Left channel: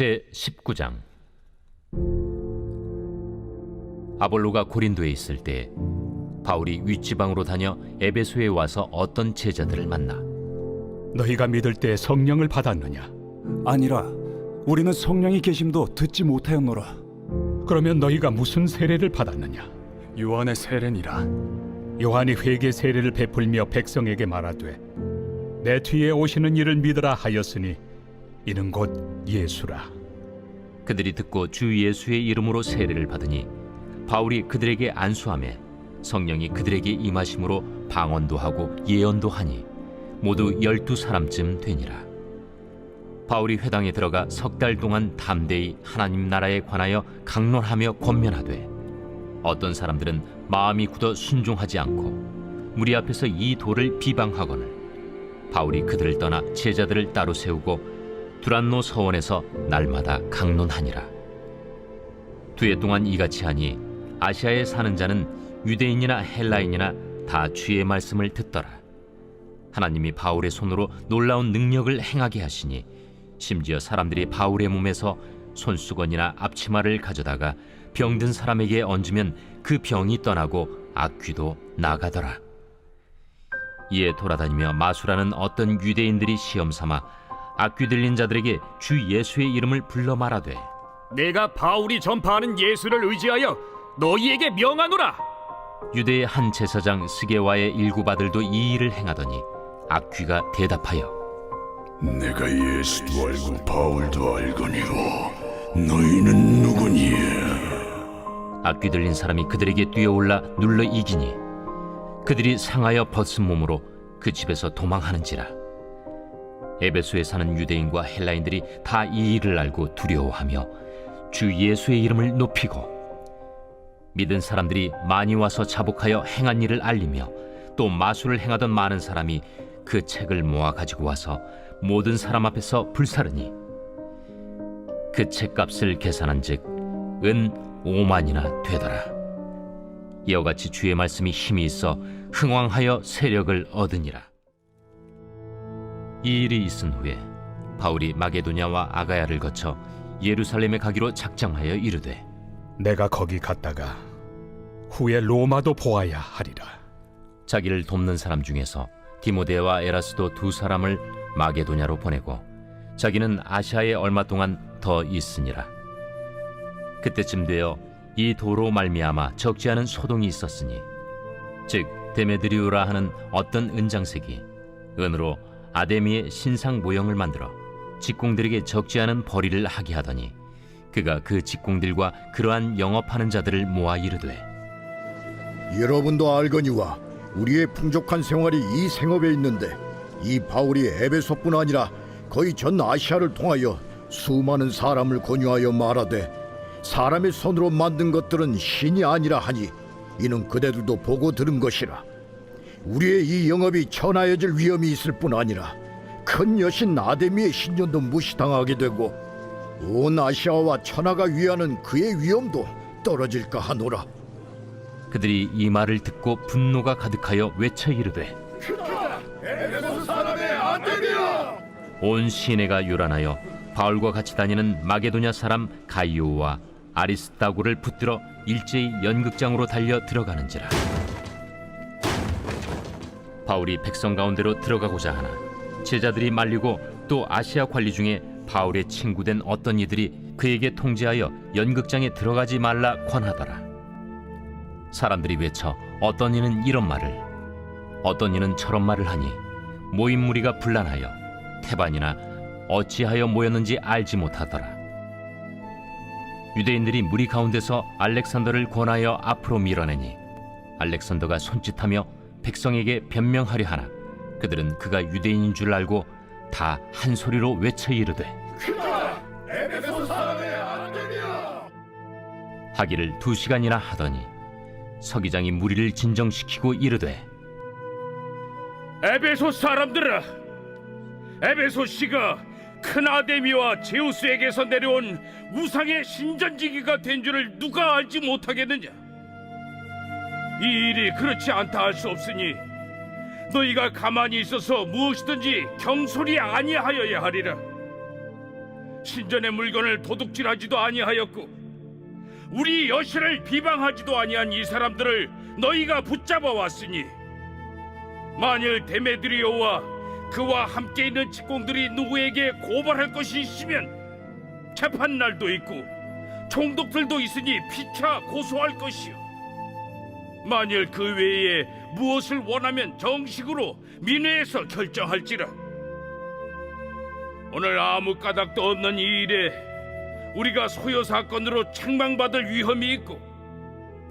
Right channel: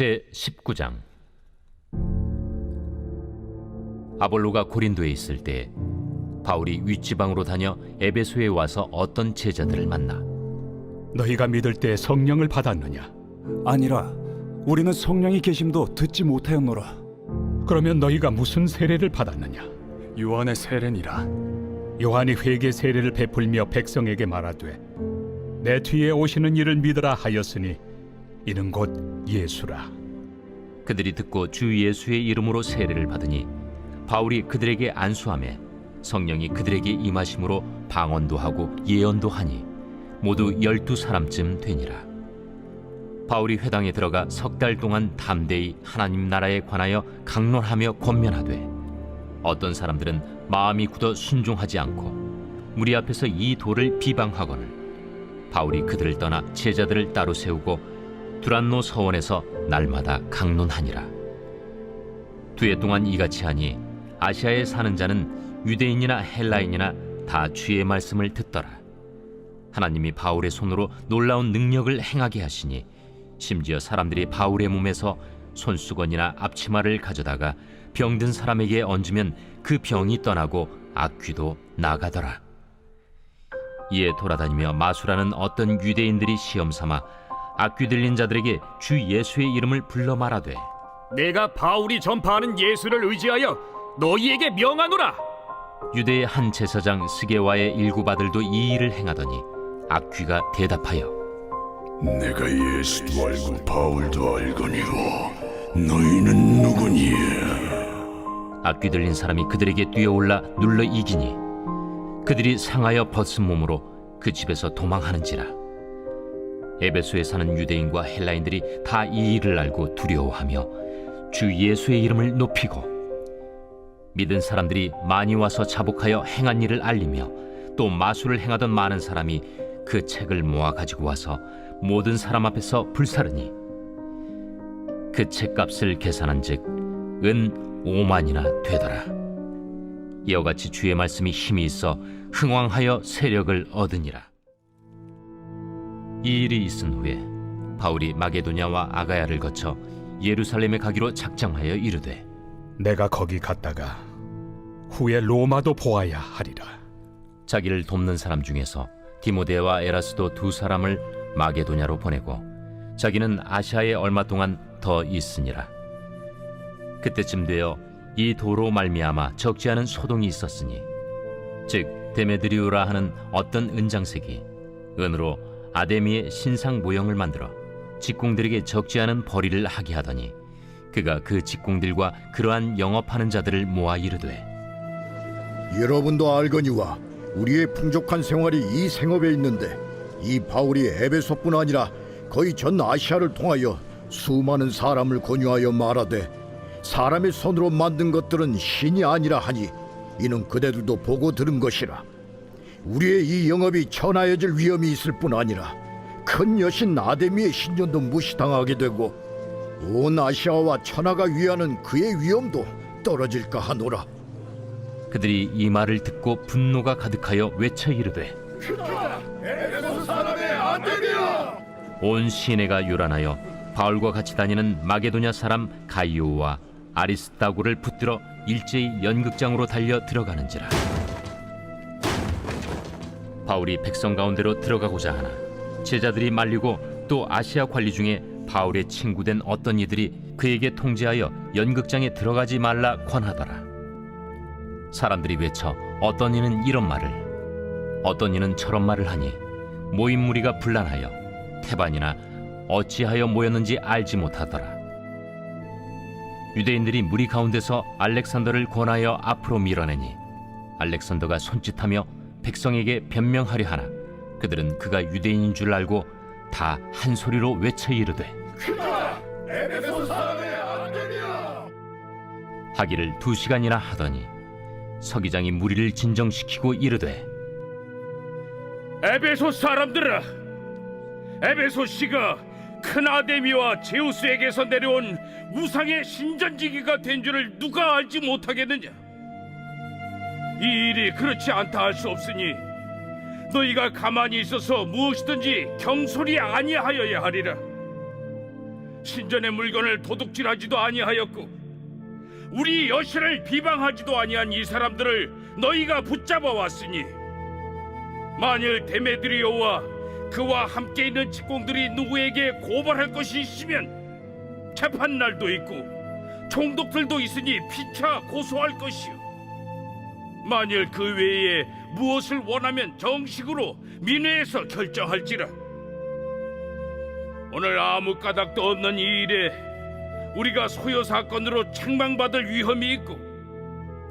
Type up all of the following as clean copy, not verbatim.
제19장. 아볼로가 고린도에 있을 때 바울이 윗지방으로 다녀 에베소에 와서 어떤 제자들을 만나 너희가 믿을 때 성령을 받았느냐? 아니라 우리는 성령이 계심도 듣지 못하였노라. 그러면 너희가 무슨 세례를 받았느냐? 요한의 세례니라. 요한이 회개 세례를 베풀며 백성에게 말하되 내 뒤에 오시는 이를 믿으라 하였으니 이는 곧 예수라. 그들이 듣고 주 예수의 이름으로 세례를 받으니 바울이 그들에게 안수하매 성령이 그들에게 임하심으로 방언도 하고 예언도 하니 모두 12사람쯤 되니라. 바울이 회당에 들어가 석 달 동안 담대히 하나님 나라에 관하여 강론하며 권면하되 어떤 사람들은 마음이 굳어 순종하지 않고 무리 앞에서 이 도를 비방하거늘 바울이 그들을 떠나 제자들을 따로 세우고 두란노 서원에서 날마다 강론하니라. 2해 동안 이같이 하니 아시아에 사는 자는 유대인이나 헬라인이나 다 주의 말씀을 듣더라. 하나님이 바울의 손으로 놀라운 능력을 행하게 하시니 심지어 사람들이 바울의 몸에서 손수건이나 앞치마를 가져다가 병든 사람에게 얹으면 그 병이 떠나고 악귀도 나가더라. 이에 돌아다니며 마술하는 어떤 유대인들이 시험삼아 악귀 들린 자들에게 주 예수의 이름을 불러 말하되 내가 바울이 전파하는 예수를 의지하여 너희에게 명하노라. 유대의 한 제사장 스게와의 일곱 아들도 이 일을 행하더니 악귀가 대답하여 내가 예수도 알고 바울도 알거니와 너희는 누구니에? 악귀 들린 사람이 그들에게 뛰어올라 눌러 이기니 그들이 상하여 벗은 몸으로 그 집에서 도망하는지라. 에베소에 사는 유대인과 헬라인들이 다 이 일을 알고 두려워하며 주 예수의 이름을 높이고 믿은 사람들이 많이 와서 자복하여 행한 일을 알리며 또 마술을 행하던 많은 사람이 그 책을 모아 가지고 와서 모든 사람 앞에서 불사르니 그 책값을 계산한즉 은 5만이나 되더라. 이와 같이 주의 말씀이 힘이 있어 흥왕하여 세력을 얻으니라. 이 일이 있은 후에 바울이 마게도냐와 아가야를 거쳐 예루살렘에 가기로 작정하여 이르되 내가 거기 갔다가 후에 로마도 보아야 하리라. 자기를 돕는 사람 중에서 디모데와 에라스도 2사람을 마게도냐로 보내고 자기는 아시아에 얼마 동안 더 있으니라. 그때쯤 되어 이 도로 말미암아 적지 않은 소동이 있었으니 즉 데메드리우라 하는 어떤 은장색이 은으로 아데미의 신상 모형을 만들어 직공들에게 적지 않은 벌이를 하게 하더니 그가 그 직공들과 그러한 영업하는 자들을 모아 이르되 여러분도 알거니와 우리의 풍족한 생활이 이 생업에 있는데 이 바울이 에베소뿐 아니라 거의 전 아시아를 통하여 수많은 사람을 권유하여 말하되 사람의 손으로 만든 것들은 신이 아니라 하니 이는 그대들도 보고 들은 것이라. 우리의 이 영업이 천하여질 위험이 있을 뿐 아니라 큰 여신 아데미의 신전도 무시당하게 되고 온 아시아와 천하가 위하는 그의 위엄도 떨어질까 하노라. 그들이 이 말을 듣고 분노가 가득하여 외쳐 이르되 에베소 사람의 아데미야! 온 시내가 요란하여 바울과 같이 다니는 마게도냐 사람 가이오와 아리스다고를 붙들어 일제히 연극장으로 달려 들어가는지라. 바울이 백성 가운데로 들어가고자 하나 제자들이 말리고 또 아시아 관리 중에 바울의 친구된 어떤 이들이 그에게 통제하여 연극장에 들어가지 말라 권하더라. 사람들이 외쳐 어떤 이는 이런 말을 어떤 이는 저런 말을 하니 모인 무리가 분란하여 태반이나 어찌하여 모였는지 알지 못하더라. 유대인들이 무리 가운데서 알렉산더를 권하여 앞으로 밀어내니 알렉산더가 손짓하며 백성에게 변명하려 하나 그들은 그가 유대인인 줄 알고 다 한 소리로 외쳐 이르되 에베소 사람의 아데미야! 하기를 2시간이나 하더니 서기장이 무리를 진정시키고 이르되 에베소 사람들아, 에베소시가 큰 아데미와 제우스에게서 내려온 우상의 신전지기가 된 줄을 누가 알지 못하겠느냐? 이 일이 그렇지 않다 할 수 없으니 너희가 가만히 있어서 무엇이든지 경솔이 아니하여야 하리라. 신전의 물건을 도둑질하지도 아니하였고 우리 여신을 비방하지도 아니한 이 사람들을 너희가 붙잡아 왔으니 만일 데메드리오와 그와 함께 있는 직공들이 누구에게 고발할 것이 있으면 재판날도 있고 총독들도 있으니 피차 고소할 것이요 만일 그 외에 무엇을 원하면 정식으로 민회에서 결정할지라. 오늘 아무 까닭도 없는 이 일에 우리가 소요 사건으로 책망받을 위험이 있고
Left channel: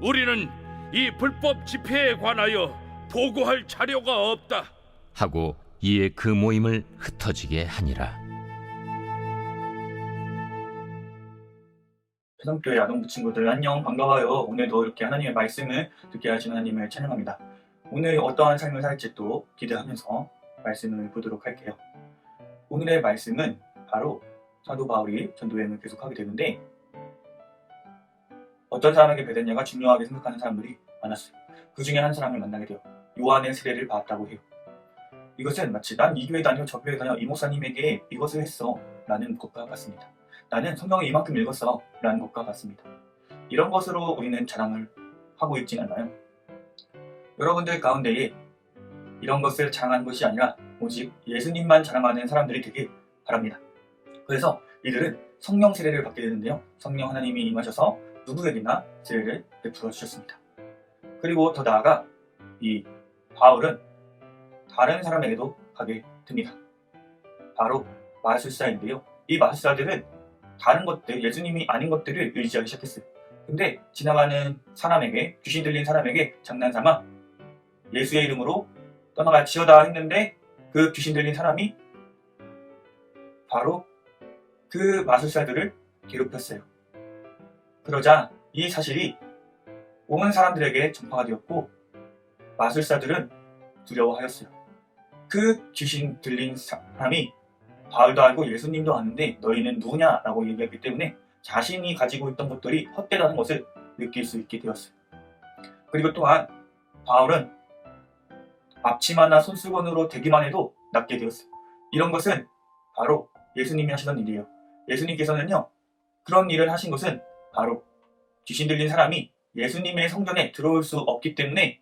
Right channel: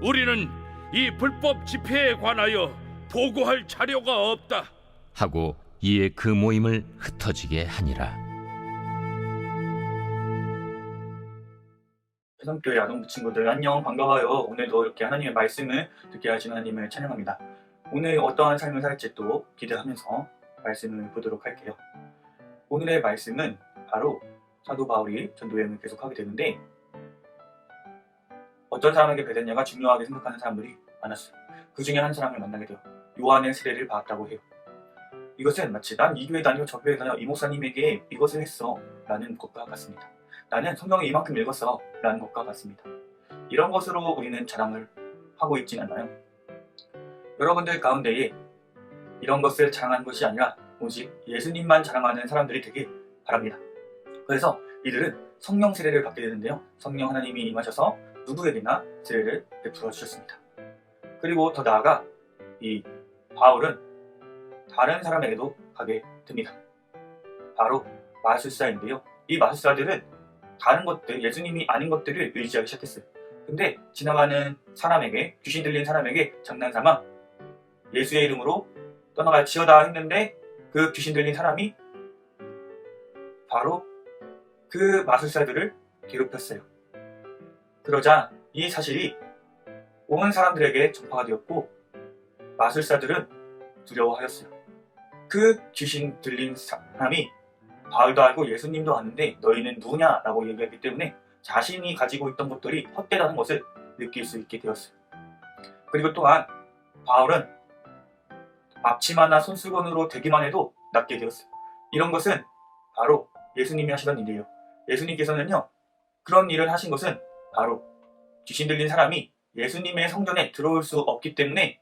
우리는 이 불법 집회에 관하여 보고할 자료가 없다 하고 이에 그 모임을 흩어지게 하니라. 해성교회 아동부 친구들 안녕, 반가워요. 오늘도 이렇게 하나님의 말씀을 듣게 하신 하나님을 찬양합니다. 오늘 어떠한 삶을 살지 또 기대하면서 말씀을 보도록 할게요. 오늘의 말씀은 바로 사도 바울이 전도여행을 계속하게 되는데 어떤 사람에게 배됐냐가 중요하게 생각하는 사람들이 많았어요. 그 중에 한 사람을 만나게 돼요. 요한의 세례를 받았다고 해요. 이것은 마치 난 이 교회 다녀 저 교회 다녀 이 목사님에게 이것을 했어 라는 것과 같습니다. 나는 성경을 이만큼 읽었어 라는 것과 같습니다. 이런 것으로 우리는 자랑을 하고 있진 않아요. 여러분들 가운데에 이런 것을 자랑하는 것이 아니라 오직 예수님만 자랑하는 사람들이 되길 바랍니다. 그래서 이들은 성령 세례를 받게 되는데요. 성령 하나님이 임하셔서 누구에게나 세례를 베풀어 주셨습니다. 그리고 더 나아가 이 바울은 다른 사람에게도 가게 됩니다. 바로 마술사인데요. 이 마술사들은 다른 것들, 예수님이 아닌 것들을 의지하기 시작했어요. 근데 지나가는 사람에게, 귀신 들린 사람에게 장난삼아 예수의 이름으로 떠나갈지어다 했는데 그 귀신 들린 사람이 바로 그 마술사들을 괴롭혔어요. 그러자 이 사실이 온 사람들에게 전파가 되었고 마술사들은 두려워하였어요. 그 귀신 들린 사람이 바울도 알고 예수님도 아는데 너희는 누구냐라고 얘기했기 때문에 자신이 가지고 있던 것들이 헛되다는 것을 느낄 수 있게 되었어요. 그리고 또한 바울은 앞치마나 손수건으로 대기만 해도 낫게 되었어요. 이런 것은 바로 예수님이 하시던 일이에요. 예수님께서는요, 그런 일을 하신 것은 바로 귀신 들린 사람이 예수님의 성전에 들어올 수 없기 때문에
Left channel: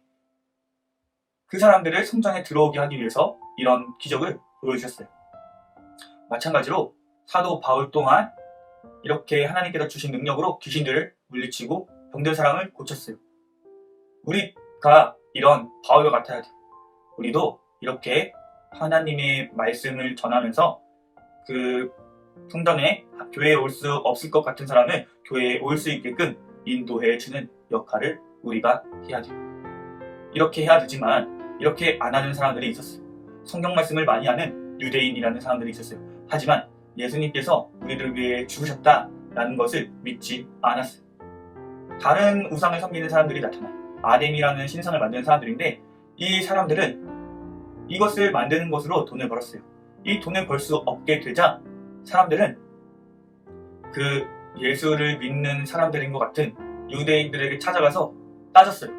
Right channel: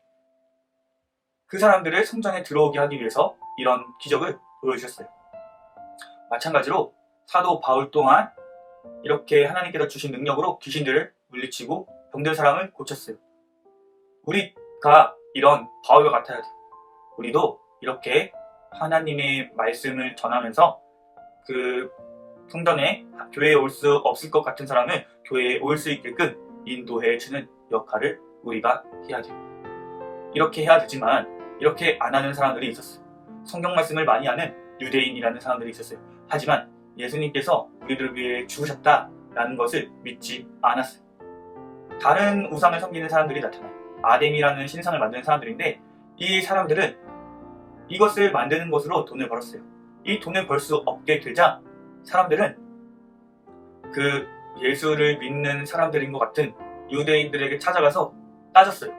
그 사람들을 성전에 들어오게 하기 위해서 이런 기적을 보여주셨어요. 마찬가지로 사도 바울 또한 이렇게 하나님께서 주신 능력으로 귀신들을 물리치고 병든 사람을 고쳤어요. 우리가 이런 바울과 같아야 돼요. 우리도 이렇게 하나님의 말씀을 전하면서 그 성전에 교회에 올 수 없을 것 같은 사람을 교회에 올 수 있게끔 인도해 주는 역할을 우리가 해야 돼요. 이렇게 해야 되지만 이렇게 안 하는 사람들이 있었어요. 성경 말씀을 많이 하는 유대인이라는 사람들이 있었어요. 하지만 예수님께서 우리들을 위해 죽으셨다라는 것을 믿지 않았어요. 다른 우상을 섬기는 사람들이 나타나요. 아뎀이라는 신상을 만드는 사람들인데 이 사람들은 이것을 만드는 것으로 돈을 벌었어요. 이 돈을 벌 수 없게 되자 사람들은 그 예수를 믿는 사람들인 것 같은 유대인들에게 찾아가서 따졌어요.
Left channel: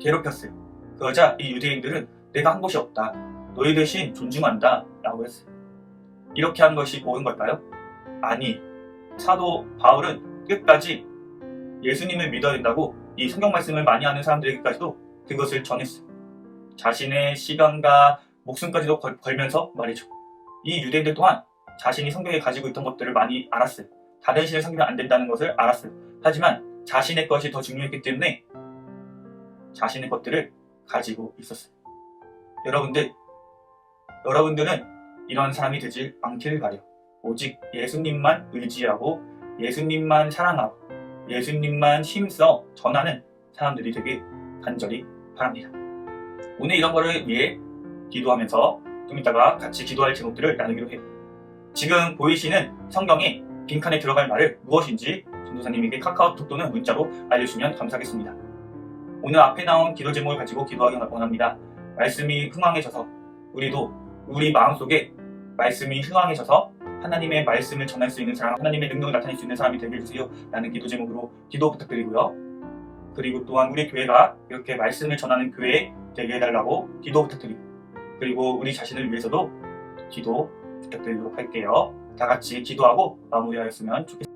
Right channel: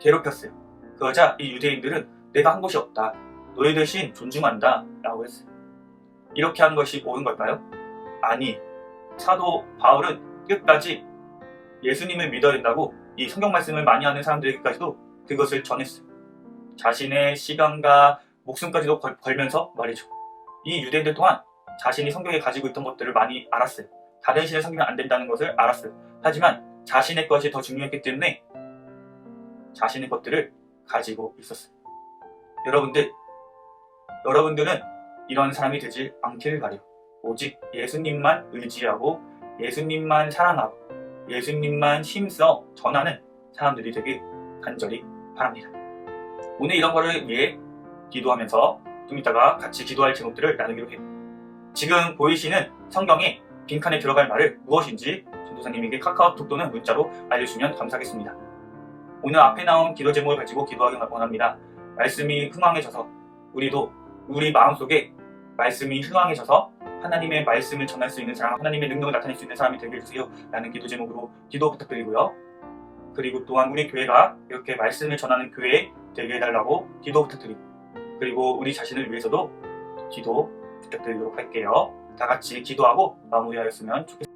괴롭혔어요. 그러자 이 유대인들은 내가 한 것이 없다. 너희들 신 존중한다 라고 했어요. 이렇게 하는 것이 옳은 걸까요? 아니, 사도 바울은 끝까지 예수님을 믿어야 된다고 이 성경 말씀을 많이 하는 사람들에게까지도 그것을 전했어요. 자신의 시간과 목숨까지도 걸면서 말이죠. 이 유대인들 또한 자신이 성경에 가지고 있던 것들을 많이 알았어요. 다른 신을 섬기면 안 된다는 것을 알았어요. 하지만 자신의 것이 더 중요했기 때문에 자신의 것들을 가지고 있었어요. 여러분들은 이런 사람이 되지 않기를 바라요. 오직 예수님만 의지하고 예수님만 사랑하고 예수님만 힘써 전하는 사람들이 되길 간절히 바랍니다. 오늘 이런 거를 위해 기도하면서 좀 이따가 같이 기도할 제목들을 나누기로 해요. 지금 보이시는 성경에 빈칸에 들어갈 말을 무엇인지 전도사님에게 카카오톡 또는 문자로 알려주시면 감사하겠습니다. 오늘 앞에 나온 기도 제목을 가지고 기도하기 원합니다. 말씀이 흥황해져서 우리도 우리 마음속에 말씀이 흥황해져서 하나님의 말씀을 전할 수 있는 사람, 하나님의 능력을 나타낼 수 있는 사람이 되게 해주세요 라는 기도 제목으로 기도 부탁드리고요. 그리고 또한 우리 교회가 이렇게 말씀을 전하는 교회 되게 해달라고 기도 부탁드리고, 그리고 우리 자신을 위해서도 기도 부탁드리도록 할게요. 다 같이 기도하고 마무리하였으면 좋겠습니다.